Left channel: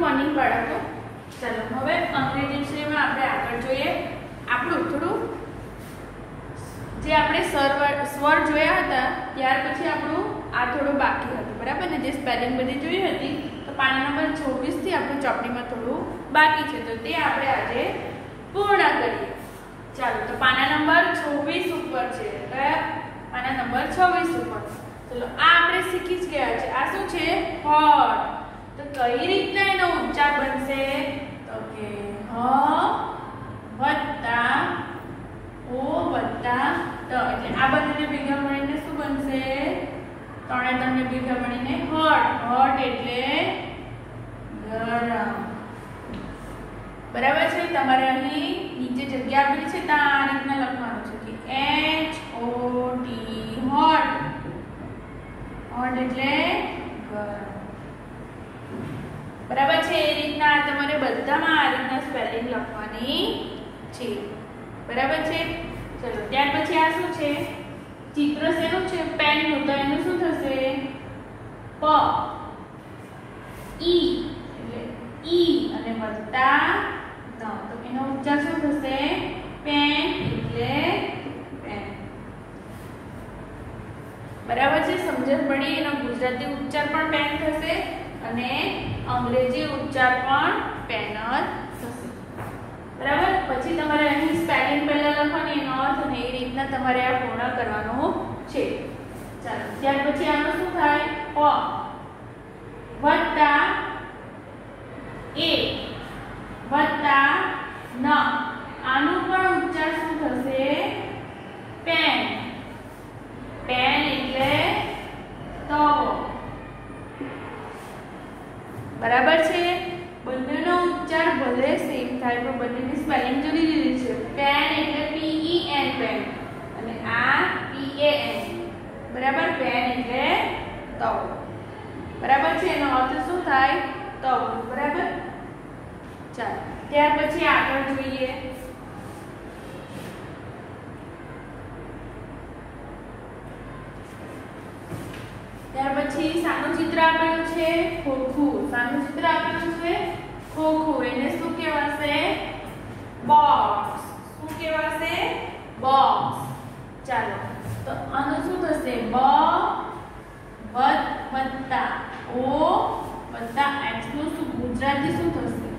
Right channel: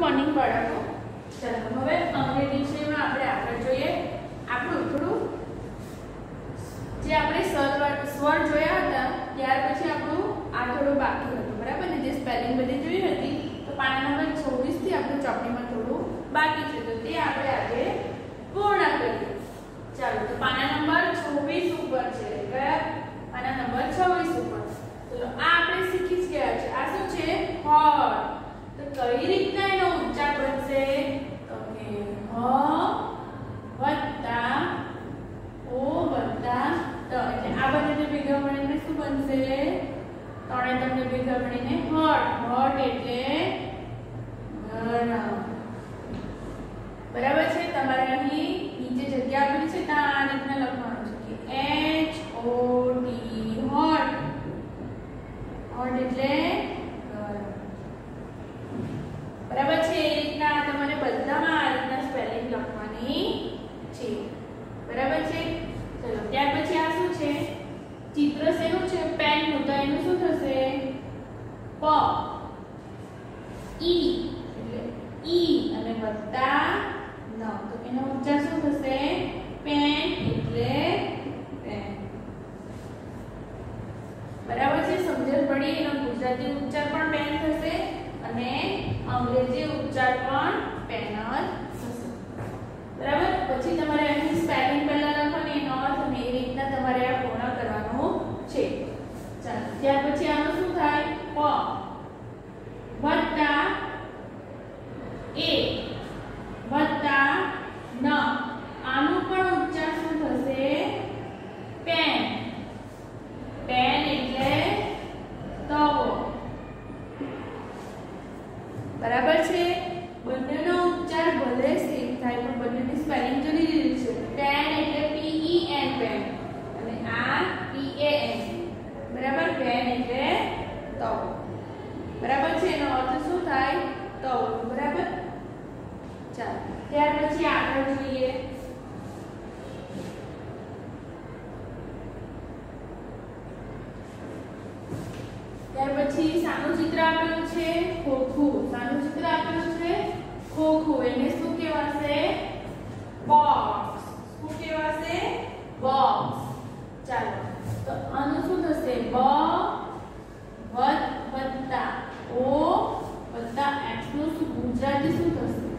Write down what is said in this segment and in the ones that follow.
Morning બાળકો. ચાલો હવે અંગ્રેજી વિષયમાં આપણે આગળ જોઈએ. આપણું થોડું જે આપણે સ્વર જોયા હતા ત્યાર પછી આપણું આ થોડું બાકી હતું, બરાબર ને? જે સ્પેલિંગ બધી જોઈ હતી તો પાના નંબર 26 થી આપણું ચોપડીમાં થોડું બાકી છે, તો તે આપણે આજે પૂર્ણ કરીએ. ચાલો, તો પાના નંબર 26 ઉપર છે. કયા પાના નંબર 26 ઉપર? ચલો, આ આપણે શીખી જ ગયા છે. આ શું છે? હોટ. તો કઈ રીતના એનો ઉચ્ચાર બનશે? તો કે હ વત્તા ઓ વત્તા ત. એટલે આ બંનેને ભેગા મળીને શું બનશે? ત્રણે તમને ભેગા મળીને હોટ. હોટ એટલે ગરમ. બરાબર છે? તમારે અહીં નીચે જગ્યા આપેલી છે ત્યાં આ રીતના લખવાનું છે કે HOT હોટ. હોટ એટલે ગરમ. બરાબર છે? એ રીતના તમારે બધામાં આ રીતના સ્પેલિંગ લખવાની છે. બરાબર છે? ચલો, ત્યાર પછી આ શું છે? ચિત્ર શેનું છે? પેનનું. તો એનું શું થશે? પ ઈ એટલે ઈ અને વત્તા ન. તો એનો ઉચ્ચાર શું થશે? પેન એટલે પેન. બરાબર છે? સમજણ પડી? એનો ગુજરાતી ઉચ્ચાર પણ પેન થશે અને અંગ્રેજી ઉચ્ચાર પણ પેન જ થશે. બરાબર? પછી તમારે અહીં સ્પેલિંગ પહેલા લખવાની, એનો અર્થ અને એ રીતના તમારે આ પૂર્ણ કરવાનું છે. ચાલો, ત્યાર પછી આનું શું થાય? પ વત્તા એ વત્તા ન. આનું પણ ઉચ્ચાર શું થશે? પેન. પેન એટલે તવો. બરાબર છે? બંનેનો ઉચ્ચાર ભલે સેમ થાય પણ બંનેની સ્પેલિંગ જુદી જુદી છે. પેન એટલે PEN પેન અને આ PAN. બરાબર? પેન એટલે તવો. બરાબર છે? એનો અર્થ શું થાય? તવો. બરાબર? ચાલો, ત્યાર પછી આગળ જોઈએ. ત્યાર પછી સાનું ચિત્ર આપેલું છે ખોખું. સાનું ચિત્ર આપેલું છે ખોખું. એને શું કહેવાશે? બોક્સ. શું કહેવાશે? બોક્સ. ચાલો, તો આનું શું થશે? બ વત્તા ઓ વત્તા એક્સ નું શું ગુજરાતી શું થશે?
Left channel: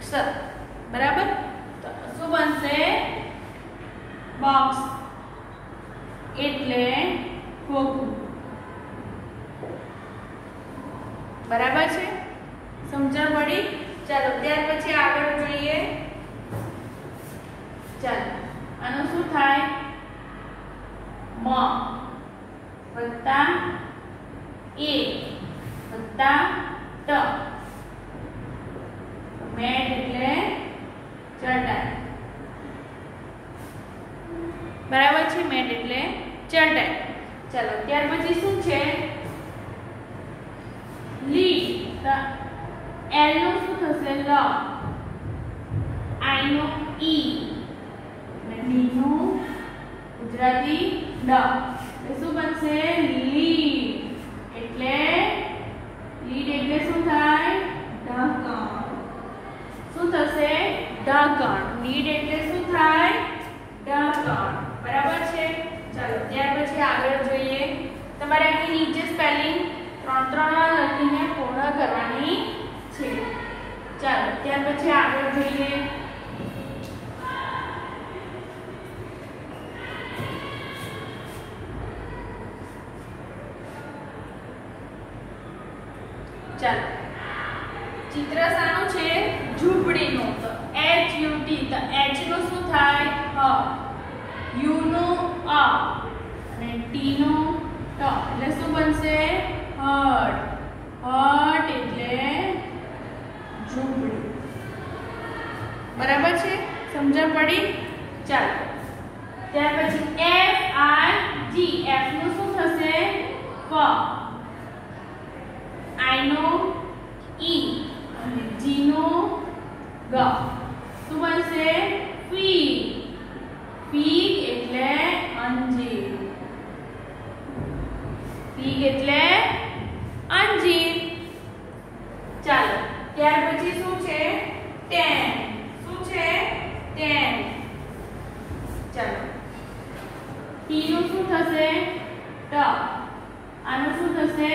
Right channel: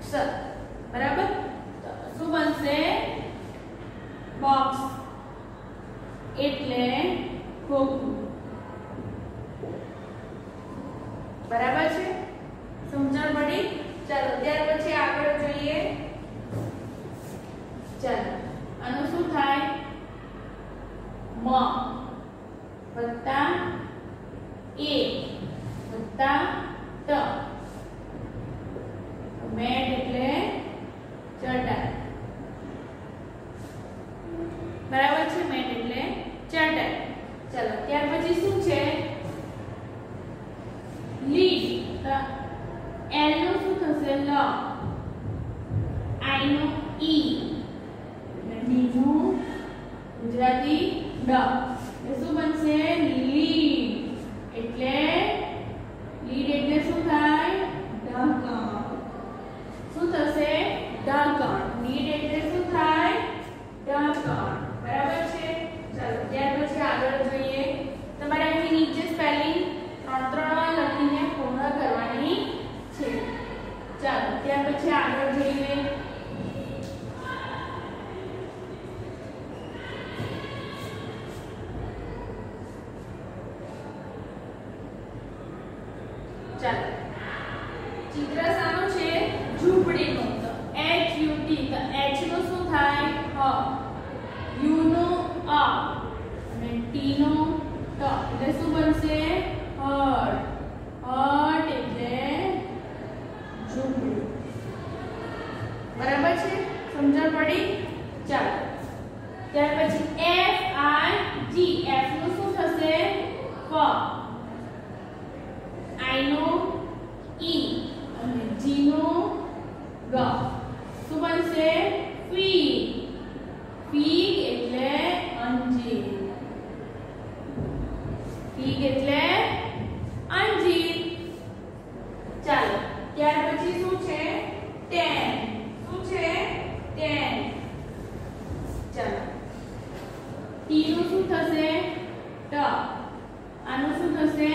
ક્ષ. બરાબર? તો શું બનશે? બોક્સ એટલે ખોખું. બરાબર છે? સમજણ પડી? ચાલો, ત્યાર પછી આગળ જોઈએ. ચાલો, આનું શું થાય? મ વત્તા એ વત્તા ટ. મેટ એટલે ચટાઈ. બરાબર છે? મેટ એટલે ચટાઈ. ચાલો, ત્યાર પછી શું છે? લીડ. તો એલ નું શું થશે? લ. આઈ નું ઈ અને ડી નું ગુજરાતી ડ. એ શું બનશે? લીડ. એટલે લીડ એટલે શું થાય? ઢાંકણ. શું થશે? ઢાંકણ. લીડ એટલે શું થાય? ઢાંકણ. બરાબર છે? ચાલો, ત્યાર પછી આગળ જોઈએ. તમારે અહીં નીચે સ્પેલિંગ 3 વાર લખીને પૂર્ણ કરવાની છે. ચાલો, ત્યાર પછી આગળ જોઈએ. ચાલો, ચિત્ર શાનું છે? ઝૂંપડીનું. તો HUT. તો H નું શું થાય? હ. U નું અ અને T નું ટ. એટલે શું બનશે? હટ. હટ એટલે ઝૂંપડી. બરાબર છે? સમજણ પડી? ચાલો, ત્યાર પછી FIG. F નું શું થશે? ફ. I નું ઈ અને G નું ગ. શું બનશે? ફીગ. ફીગ એટલે અંજીર. ફીગ એટલે અંજીર. ચાલો ત્યાર પછી શું છે? ટેન. શું છે? ટેન. ચાલો ટી નું શું થશે? ટ. આનું શું થશે?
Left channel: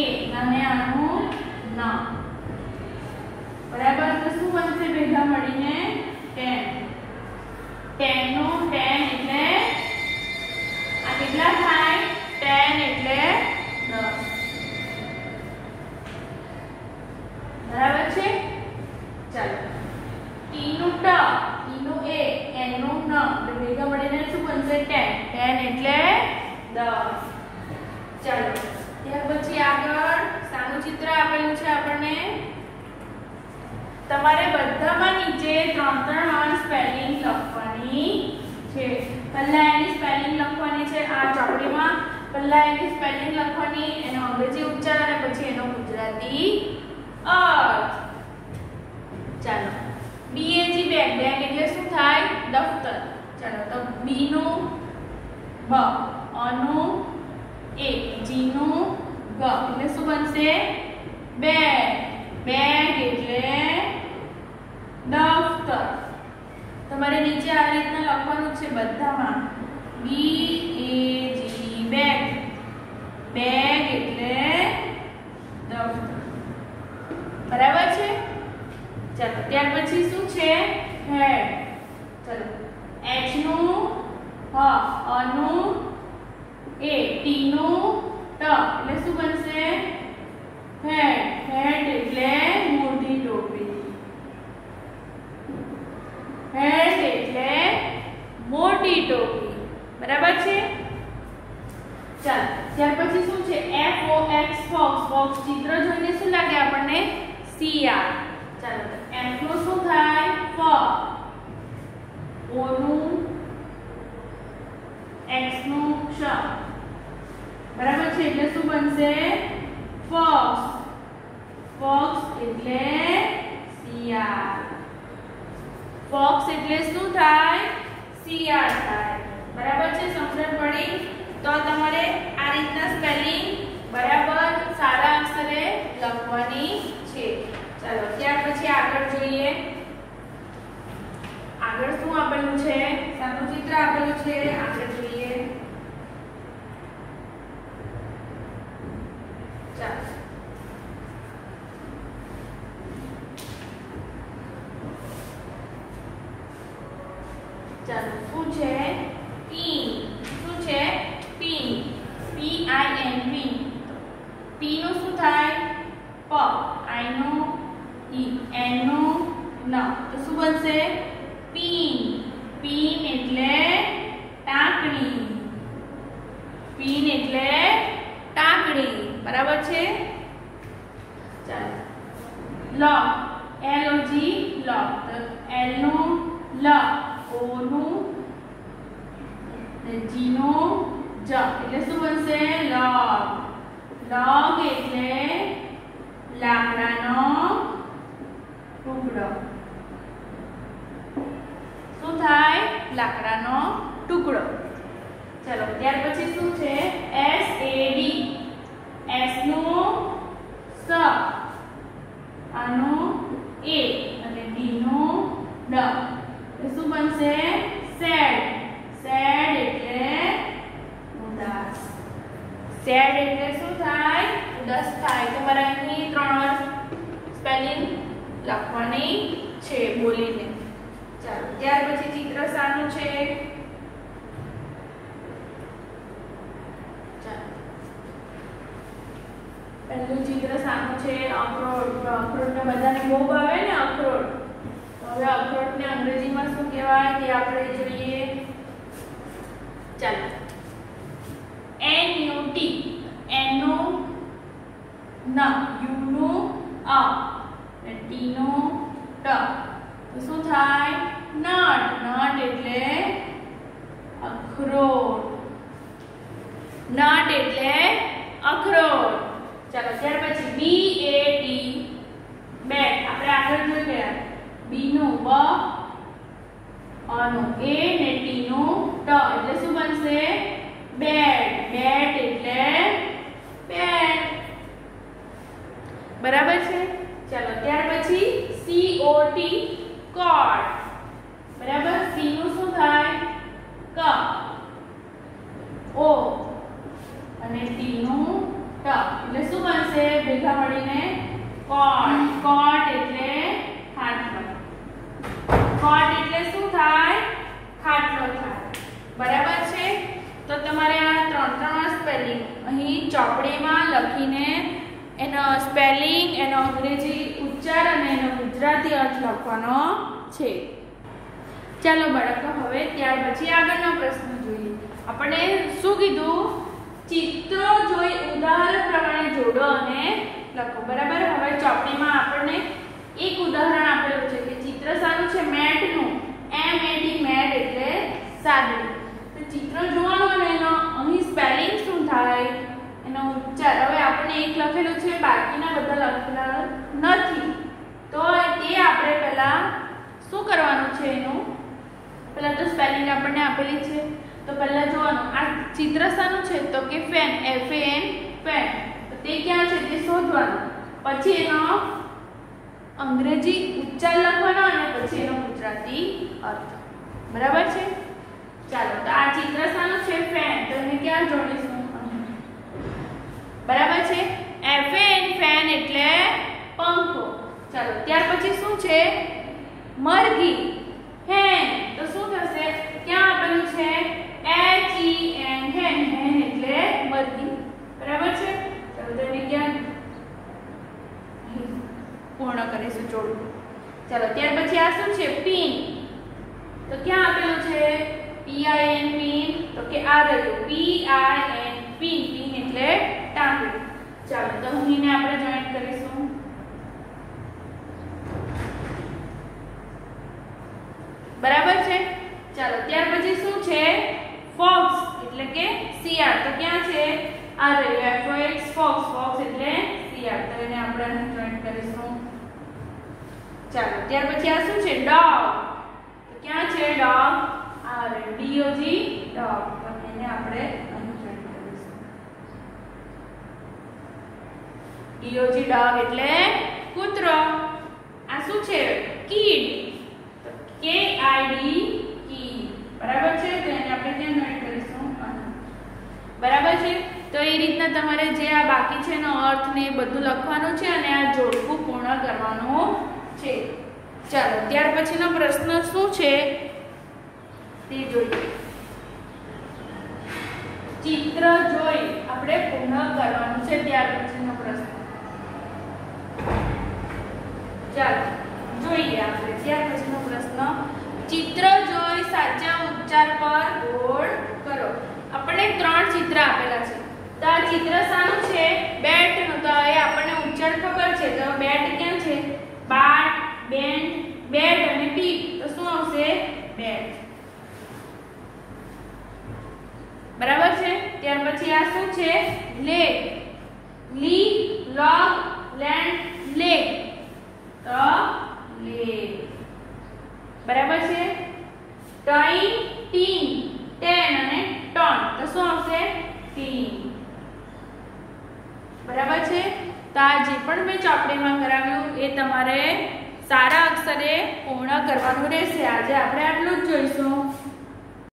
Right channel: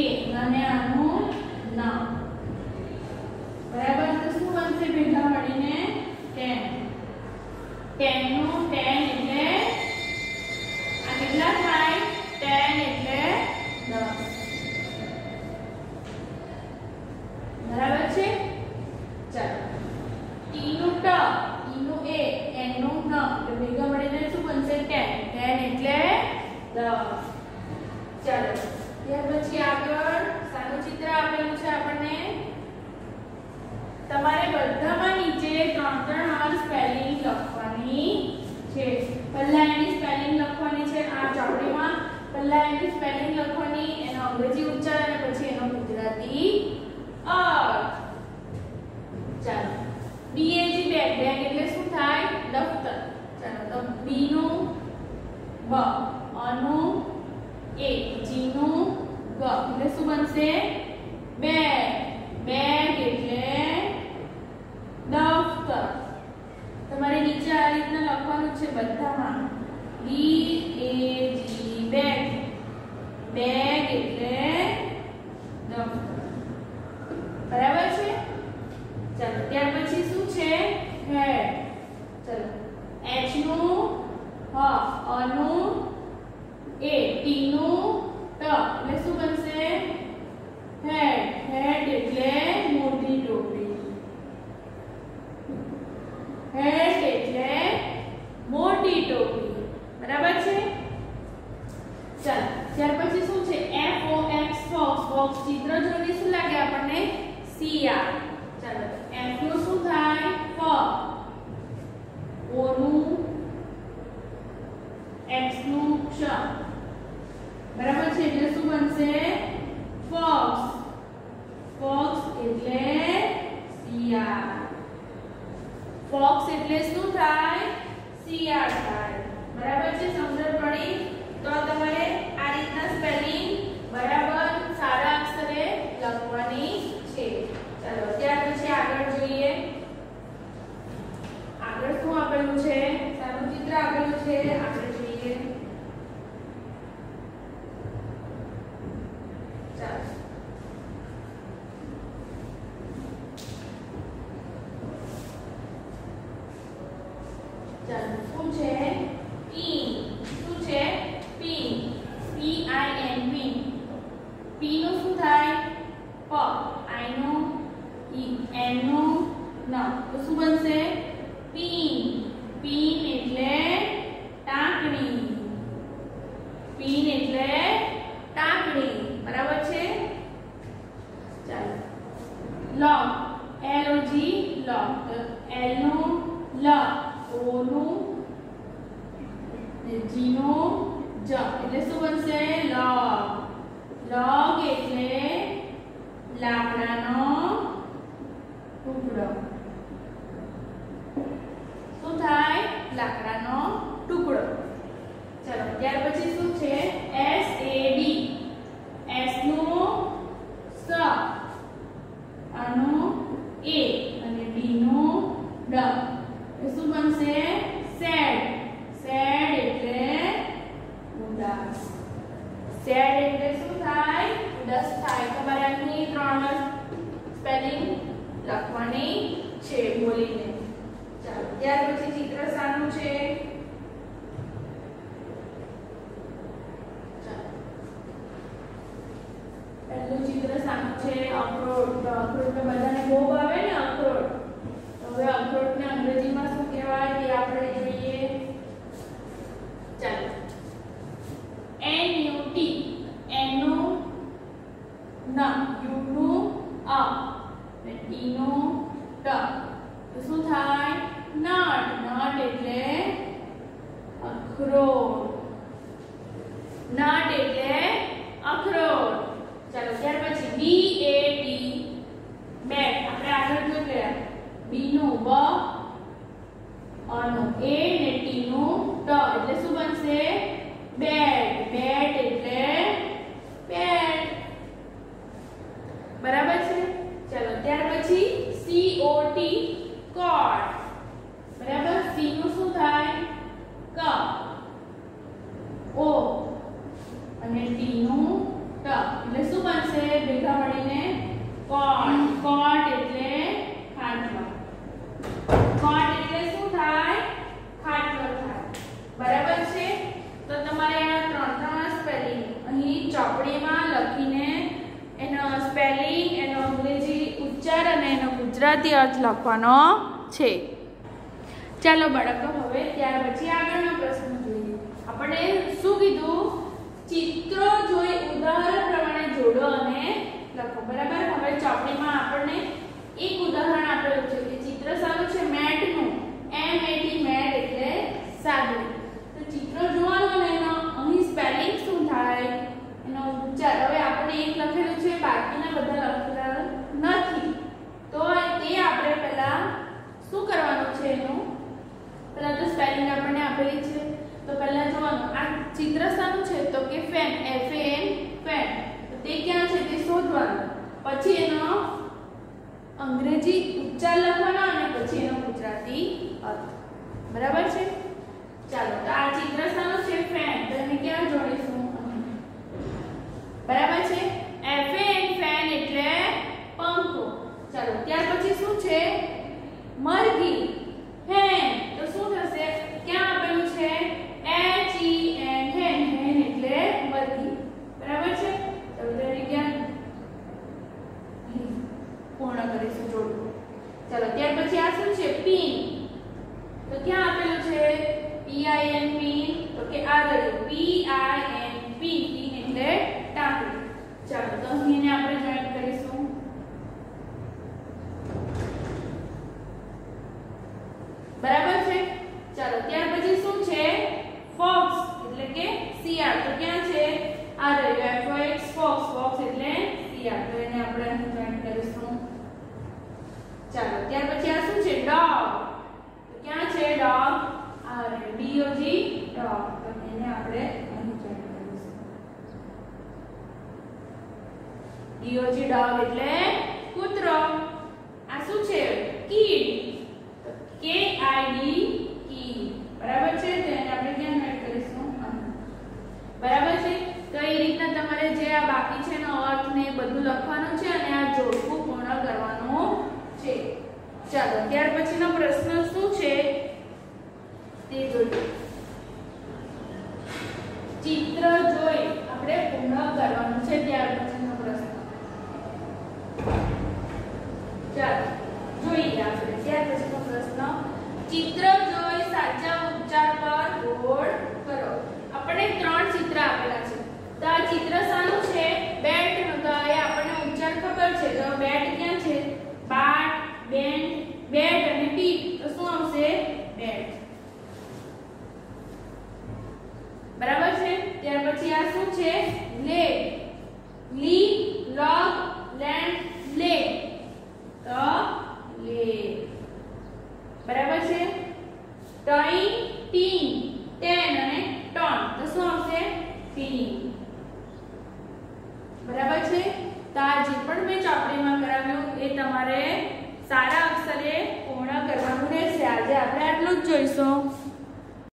એ. અને આનું ન. બરાબર. તો શું બનશે ભેગા મળીને? 10. 10 નું 10 એટલે આ કેટલા થાય? 10 એટલે 10. બરાબર છે? ચાલો ટી નું ટ, ઈ નું એ, એન નું ન, એટલે ભેગા મળીને શું બનશે? 10. 10 એટલે 10. ચાલો ત્યાર પછી આગળ સાનું ચિત્ર આપેલું છે આપણને. તમારે બધામાં નીચે 3 વાર સ્પેલિંગ લખવાની છે. પહેલા એની સ્પેલિંગ લખવાની છે આ ચોપડીમાં. પહેલા એની સ્પેલિંગ લખવાની, એનો અંગ્રેજી ઉચ્ચાર અને પછી એનો ગુજરાતી અર્થ. ચાલો BAG બેગ. બેગ એટલે શું થાય? દફતર. ચાલો તો B નું બ, અ નું એ, જી નું ગ એટલે શું બનશે? બેગ. બેગ એટલે દફતર. તમારે નીચે આ રીતના લખવાનું છે બધામાં. BAG bag. બેગ એટલે દફતર. બરાબર છે? ચાલો ત્યાર પછી શું છે? હેડ. ચાલો H નું હ, અ નું એ, ટી નું ટ એટલે શું બનશે? હેડ. હેડ એટલે મોટી ટોપી. હેડ એટલે મોટી ટોપી. બરાબર છે? ચાલો ત્યાર પછી શું છે? FOX focus. ફોક્સ ચિત્ર જોઈને શું લાગે આપણને? શિયાળ. ચાલો તો F નું શું થાય? ફ. O નું X નું ક્ષ. બરાબર છે? એટલે શું બનશે? ફોક્સ. ફોક્સ એટલે શિયાળ. ફોક્સ એટલે શું થાય? શિયાળ થાય. બરાબર છે? સમજણ પડી? તો તમારે આ રીતના સ્પેલિંગ બરાબર સારા અક્ષરે લખવાની છે. ચાલો ત્યાર પછી આગળ જોઈએ. આગળ શું આપેલું છે? સાનું ચિત્ર આપેલું છે. આગળ જોઈએ. ચાલો ચાલો શું છે? પિન. શું છે? પિન. PIN pin. ટી નું શું થાય? પ, આઈ નું ઈ, એન નું ન તો શું બનશે? પિન. પિન એટલે ટાંકણી. પિન એટલે ટાંકણી. બરાબર છે? ચાલો લોક. LOG લોક. તો L નું લ, O નું G નું જ એટલે શું બનશે? લોક. લોક એટલે લાકડાનો ટુકડો. શું થાય? લાકડાનો ટુકડો. ચલો ત્યાર પછી શું છે? SAD. S નું સ, આનું એ અને D નું ડ એ શું બનશે? સેડ. સેડ એટલે ઉદાસ. સેડ એટલે શું થાય? ઉદાસ થાય. તમારે અહીં 3 વાર સ્પેલિંગ લખવાની છે બોલીને. ચાલો ત્યાર પછી ચિત્ર સાનું છે? ચાલો પહેલું ચિત્ર સાનું છે? અખરોટ. અખરોટ ને બધાને બહુ ભાવે ને અખરોટ. હવે અખરોટ ને અંગ્રેજીમાં શું કહેવાય તે આપણે જોઈએ. ચાલો NUT. N નું ન, U નું અ, T નું ટ તો શું થાય? નટ. નટ એટલે અખરોટ. નટ એટલે અખરોટ. ચાલો ત્યાર પછી BAT બેટ. આપણે આગળ જોઈ ગયા. B નું બ, અ નું એ ને T નું ટ એટલે શું બનશે? બેટ. બેટ એટલે બેટ. બરાબર છે? ચાલો ત્યાર પછી COT કોટ, બરાબર. C નું શું થાય? ક. O અને T નું ટ, એટલે શું બનશે? ભેગા મળીને કોટ. કોટ એટલે ખાટલો. કોટ એટલે શું થાય? ખાટલો થાય, બરાબર છે. તો તમારે આ ત્રણ સ્પેલિંગ અહીં ચોપડીમાં લખીને એનો સ્પેલિંગ, એનો અંગ્રેજી ઉચ્ચાર અને એનો ગુજરાતી અર્થ લખવાનો છે. ચાલો બાળકો, હવે ત્યાર પછી આગળનો પ્રશ્ન જોઈએ. આપણે શું કીધું? ચિત્રો જોઈ ઉદાહરણ પ્રમાણે જોડો અને લખો, બરાબર. હવે ચોપડીમાં આપણને એક ઉદાહરણ આપેલું છે કે ચિત્ર સાનું છે? મેટનું. MAT, મેટ એટલે સાદડી. તો ચિત્ર જોવાનું અને એનો અહીં સ્પેલિંગ શું થાય, એનો ઉચ્ચાર. હવે આપણને એક લખેલું છે, બાકીના બધા લખેલા નથી. તો તે આપણે પહેલા શું કરવાનું છે? એનું પહેલા તો સ્પેલિંગ આપણને આપેલી છે, તો પહેલા જોવાનું આ ચિત્ર શાનું છે? તો કે ફેન, FAN, ફેન. તો તે ક્યાં છે તે શોધવાનું, પછી એનો અંગ્રેજી ઉચ્ચાર લખવાનો અને પછી એનો ગુજરાતી અર્થ, બરાબર છે. ચાલો, તો આ ચિત્ર શાનું છે? ફેન. તો એને ક્યાં જોડીશું? બરાબર છે. FAN, ફેન એટલે પંખો. ચાલો, ત્યાર પછી શું છે? મરઘી, હેન. તો શું થશે? ક્યાં આપેલું છે? HEN, હેન. હેન એટલે મરઘી, બરાબર છે. ચાલો, તો એને ક્યાં પૂર્ણ કરીશું જોડું. ચાલો, ત્યાર પછી આ શું છે? પિન. તો ક્યાં આપેલું છે? PIN, pin. તો કે આ રહ્યું PIN, પિન. પિન એટલે ટાંકણી. ચાલો, તો અહીંને આપણે જોઈન્ટ કરીશું. બરાબર છે. ચાલો, ત્યાર પછી શું છે? ફોક્સ એટલે કે શિયાળ. તો ક્યાં છે? આ રહ્યું FOX, ફોક્સ. ફોક્સ એટલે શિયાળ. તો એને આપણે અહીં જોઈન્ટ કરીશું. ચાલો, ત્યાર પછી આ શું છે? ડોગ. તો ક્યાં છે? ડોગ. આ રહ્યું DOG, ડોગ. તો એને આપણે અહીં જોઈન્ટ કરીશું. DOG, ડોગ એટલે કૂતરો. આ શું છે? કીડ. KID, કી. બરાબર છે. તો એને આપણે ક્યાં જોઈન્ટ કરીશું? બરાબર છે. તો એ રીતના તમારે જે આ બાકી છે એનો અર્થ ને બધું લખવાનું છે અને આ જોડકું પૂર્ણ કરવાનું છે. ચાલો, ત્યાર પછીનો પ્રશ્ન શું છે તે જોઈએ. ચિત્ર જોઈ આપણે પૂર્ણ કરવાનું છે. ત્યાર પછીનો પ્રશ્ન ચાલો જોઈએ આપણે. ત્યાર પછીનો પ્રશ્ન, ચિત્ર જોઈ સાચા ઉચ્ચાર પર ગોળ કરો. આપણે 3 ચિત્ર આપેલા છે. તો આ ચિત્ર શાનું છે? બેટ નું. તો એ આપણને ઉચ્ચાર ખબર છે. તો બેટ ક્યાં છે? બાટ, બેન, બેટ અને પીટ. તો શું આવશે? બેટ, બરાબર છે. ત્યાર પછી આ શું છે? લેગ. લી, લોગ, લેન્ડ, લેગ. તો લેગ, બરાબર છે. ટાઈન, ટીન, ટેન અને ટોન. તો શું આવશે? ટીન, બરાબર છે. તો આ જે પણ મેં ચોપડીમાં કરાવ્યું એ તમારે સારા અક્ષરે પૂર્ણ કરવાનું રહેશે. આજે આપણે આટલું જ જોઈશું.